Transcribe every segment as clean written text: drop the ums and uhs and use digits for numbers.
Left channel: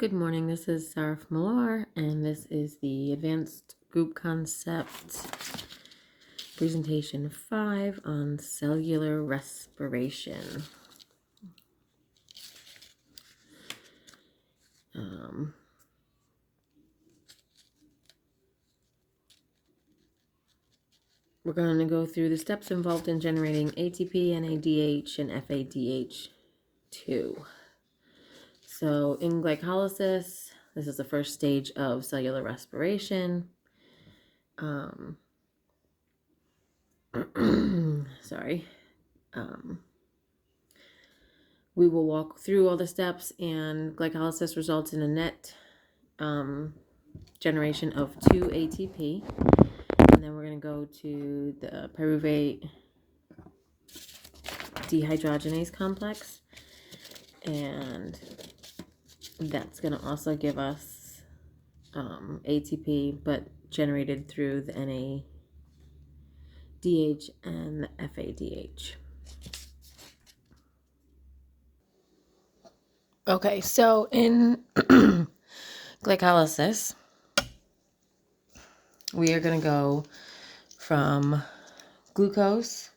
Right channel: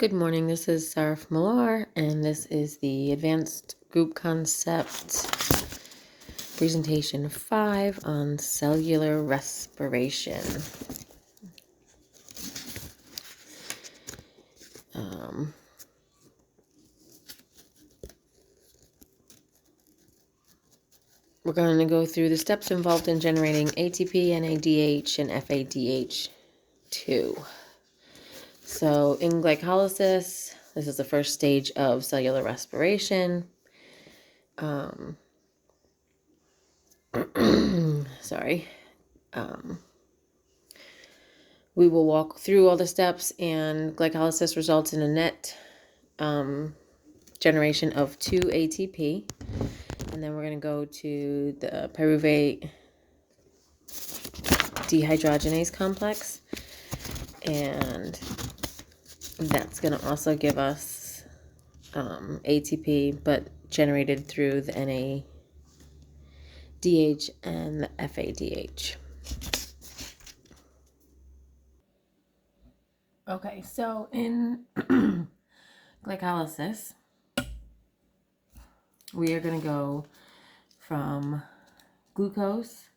Good morning, this is seraph.millar, and this is the Advanced Group Concept Presentation 5 on cellular respiration. We're going to go through the steps involved in generating ATP, NADH, and FADH2. So in glycolysis, this is the first stage of cellular respiration. We will walk through all the steps, and glycolysis results in a net generation of 2 ATP. And then we're going to go to the pyruvate dehydrogenase complex, and that's going to also give us ATP, but generated through the NADH and the FADH. Okay, so in glycolysis, we are going to go from glucose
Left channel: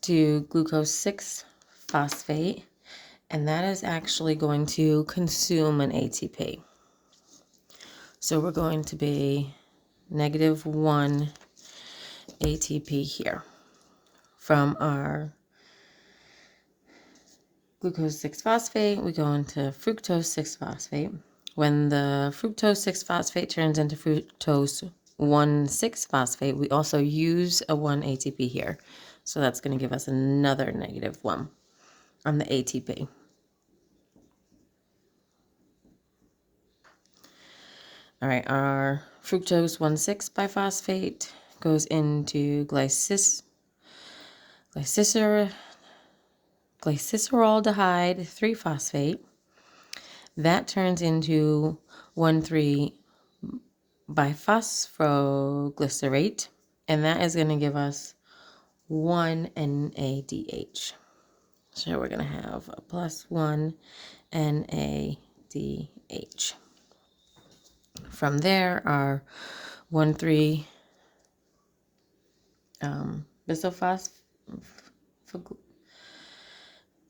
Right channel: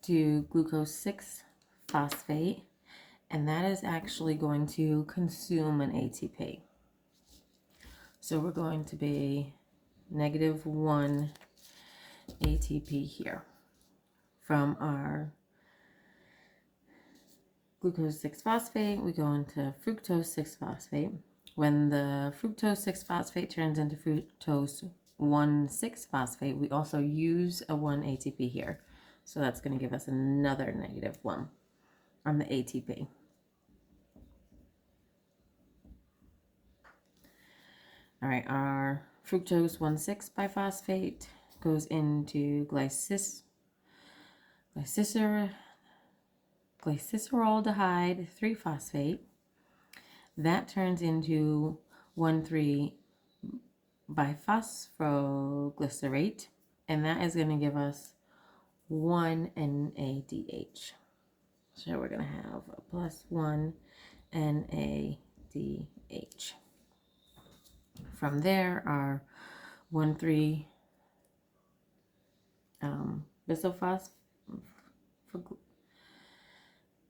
to glucose 6-phosphate, and that is actually going to consume an ATP. So we're going to be -1 ATP here from our glucose 6-phosphate. We go into fructose 6-phosphate. When the fructose 6-phosphate turns into fructose 1,6-phosphate, we also use a 1 ATP here. So that's going to give us another -1 on the ATP. All right, our fructose 1,6-biphosphate goes into glyceroldehyde 3-phosphate. That turns into 1,3-biphosphoglycerate, and that is going to give us 1 NADH. So we're going to have a +1 NADH. From there, our 1,3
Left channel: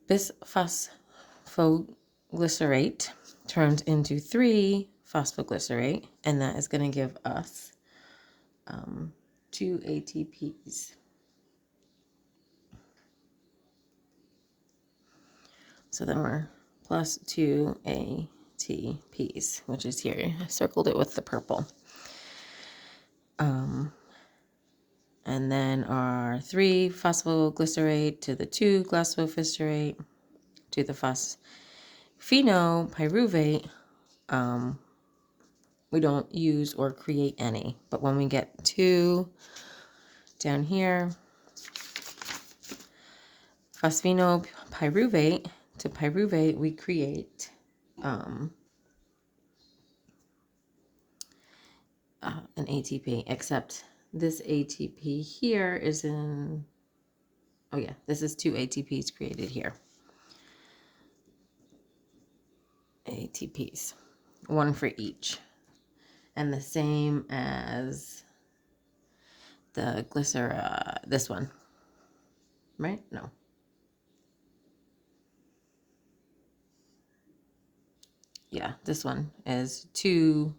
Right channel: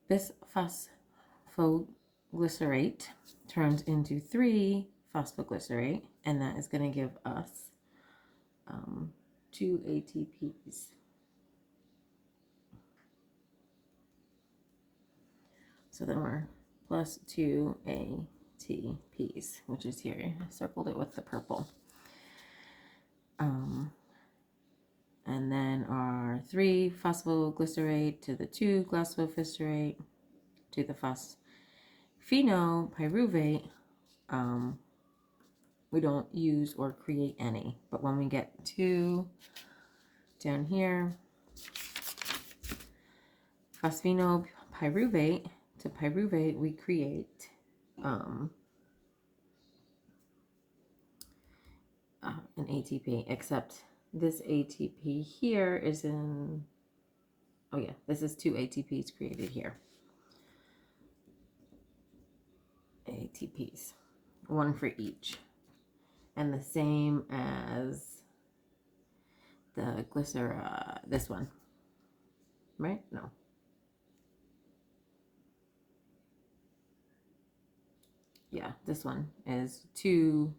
bisphosphoglycerate turns into 3-phosphoglycerate, and that is going to give us 2 ATPs. So then we're +2 ATPs, which is here. I circled it with the purple. And then our 3-phosphoglycerate to the 2-glyphosate to the phosphenopyruvate. We don't use or create any, but when we get to down here, phosphenopyruvate to pyruvate, we create an ATP, except this ATP here is in, oh yeah, this is 2 ATPs created here. ATPs, 1 for each. And the same as the this one, right? No. Yeah, this one is 2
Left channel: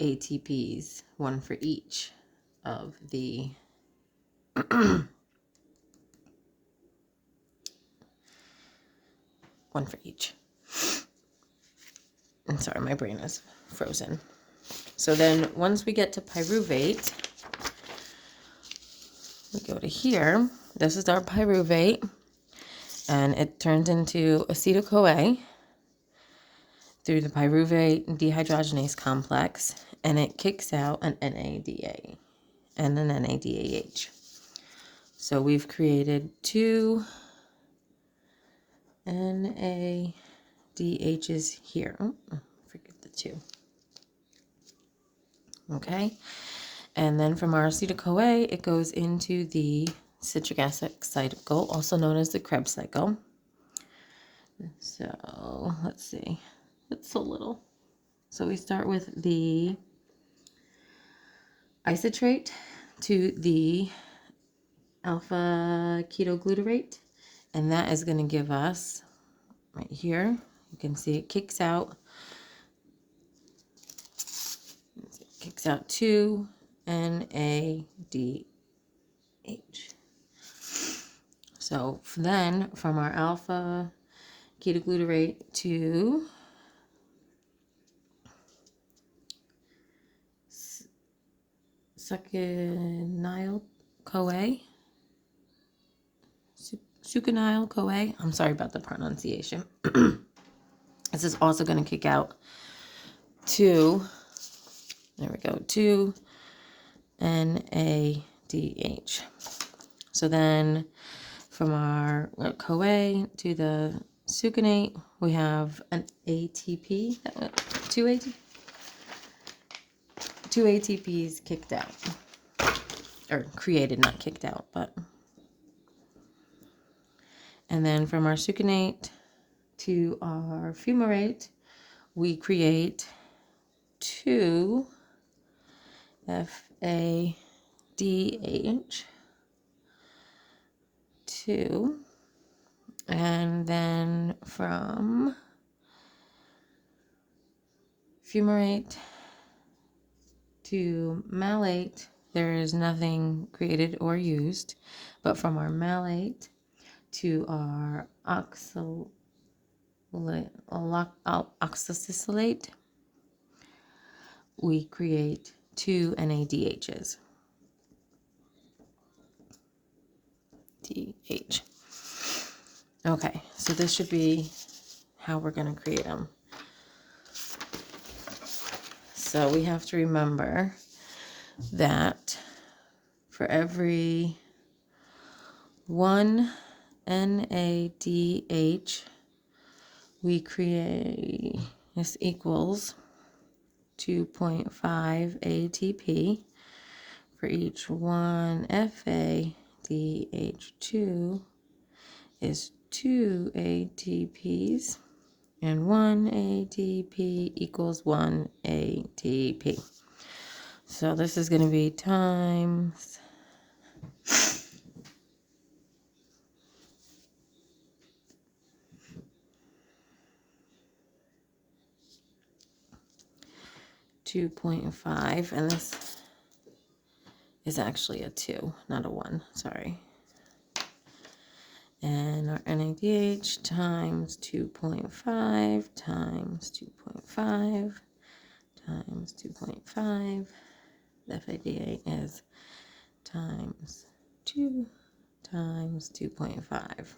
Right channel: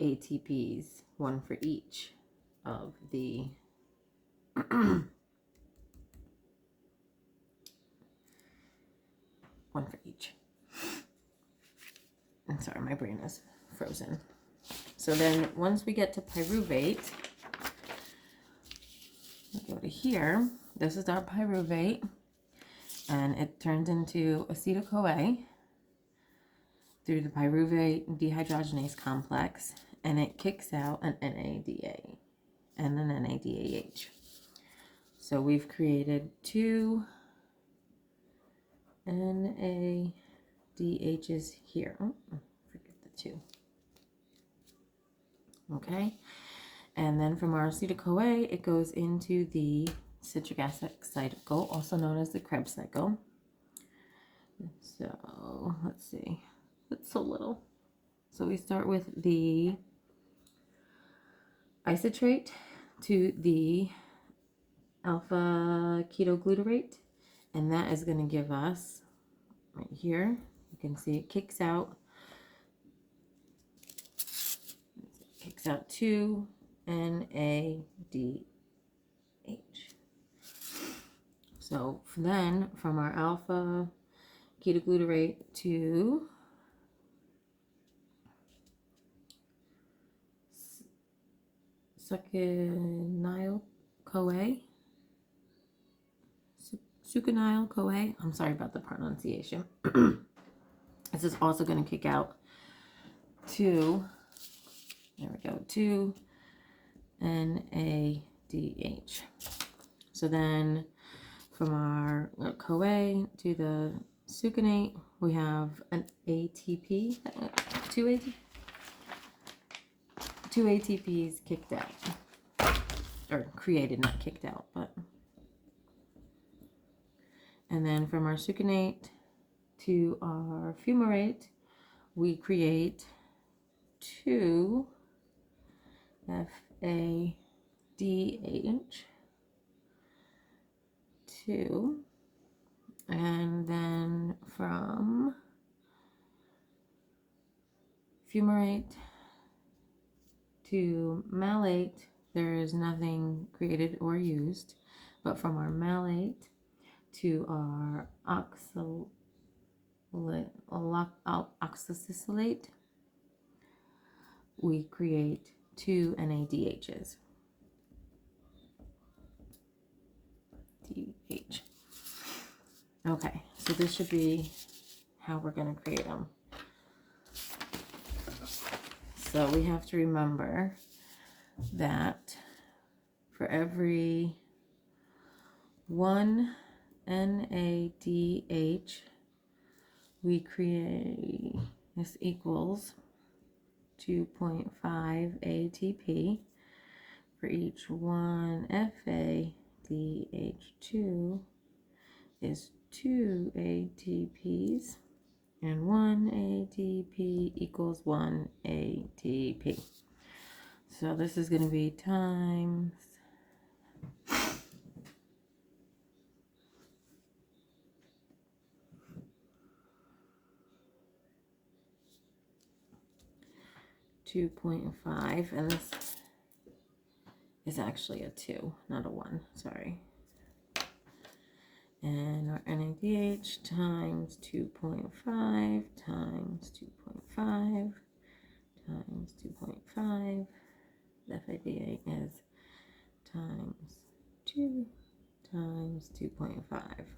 ATPs, 1 for each of the one for each. I'm sorry, my brain is frozen. So then once we get to pyruvate, we go to here. This is our pyruvate, and it turns into acetyl-CoA through the pyruvate dehydrogenase complex, and it kicks out an NADA and an NADH. So we've created 2 NADHs here. Oh, forget the 2. Okay, and then from our acetyl-CoA, it goes into the citric acid cycle, also known as the Krebs cycle. So let's see, it's so little. So we start with the isotrate to the alpha ketoglutarate, and that is going to give us right here. You can see it kicks out 2 NADH. So then from our alpha ketoglutarate to succinyl-CoA, succinyl-CoA. I'm sorry about the pronunciation. This is also going to kick out 2 NADH. So then from our CoA to the succinate, we have an ATP, 2 ATPs kicked out, or created, not kicked out, but. And then from our succinate to our fumarate, we create 2 FADH, 2, and then from fumarate to malate, there is nothing created or used, but from our malate to our oxalate, we create 2 NADHs. DH. Okay, so this should be how we're going to create them. So we have to remember that for every 1 NADH, we create, this equals 2.5 ATP. For each 1 FADH2 is 2 ATPs, and 1 ATP equals 1 ATP. So this is going to be times 2.5, and this is actually a 2, not a 1, sorry. And our NADH times 2.5 times 2.5 times 2.5. The FADH is times 2 times 2.5.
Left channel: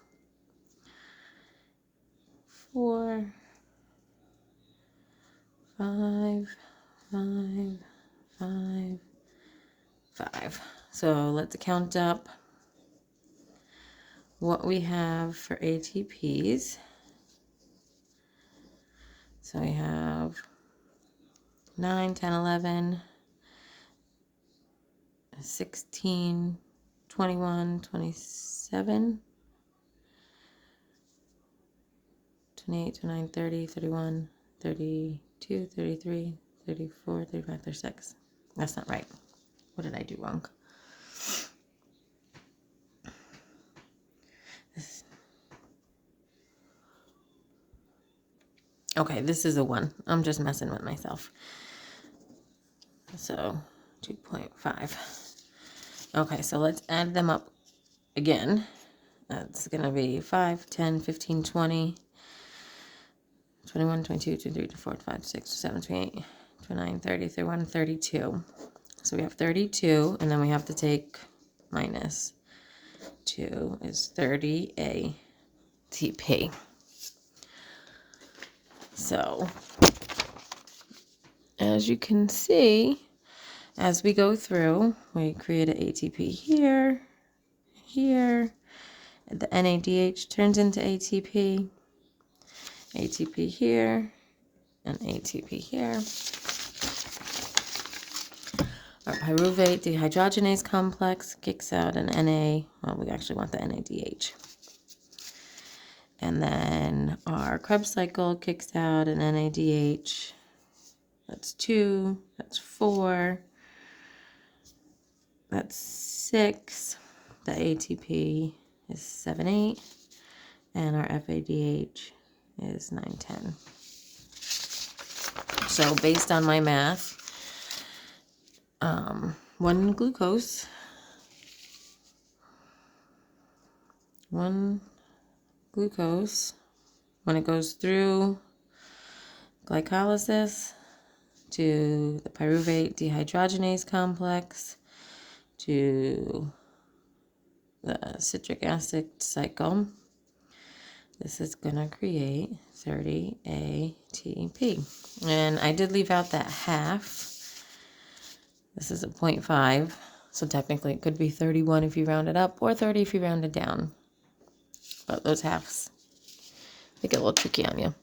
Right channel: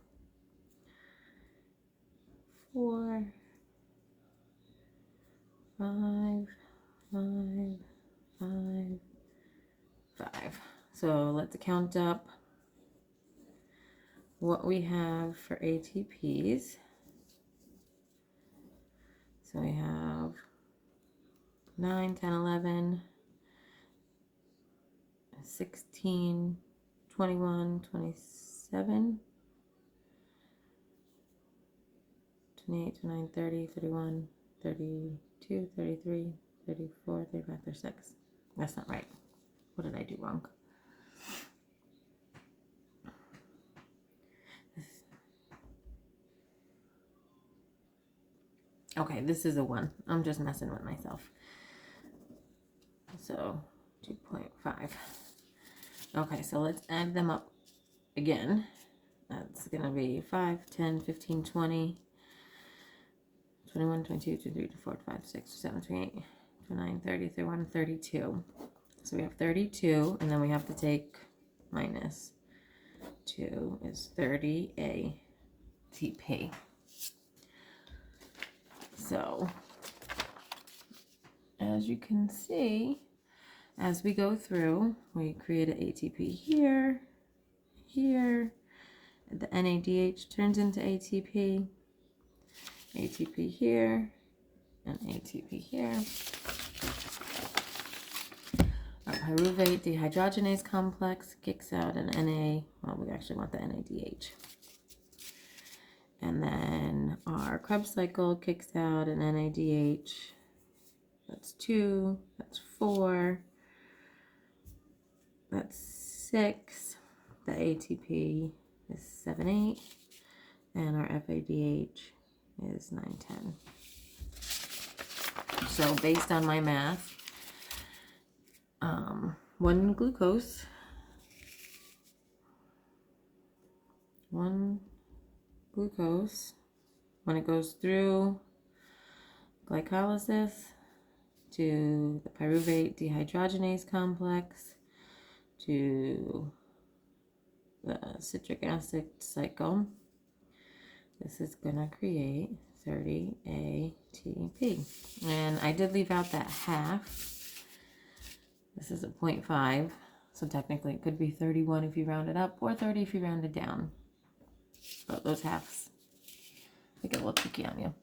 4, 5, 5, 5, 5. So let's count up what we have for ATPs. So we have 9, 10, 11, 16, 21, 27, 28, 29, 30, 31, 32, 33, 34, 35, 36. That's not right. What did I do wrong? Okay, this is a 1. I'm just messing with myself. So 2.5. Okay, so let's add them up again. That's going to be 5, 10, 15, 20, 21, 22, 23, 24, 25, 26, 27, 28, 29, 30, 31, 32. So we have 32, and then we have to take minus 2 is 30 ATP. So as you can see, as we go through, we create an ATP here, here, and the NADH turns into ATP, ATP here, and ATP here. Our pyruvate dehydrogenase complex kicks out an NA, well, we actually want the NADH. And then our Krebs cycle kicks out an NADH That's 2, that's 4, that's 6. The ATP is 7, 8, and our FADH is 9, 10. So based on my math, 1 glucose, 1 glucose, when it goes through glycolysis to the pyruvate dehydrogenase complex to the citric acid cycle, this is going to create 30 ATP. And I did leave out that half. This is a 0.5, so technically it could be 31 if you round it up, or 30 if you round it down. But those halves, they get a little tricky on you.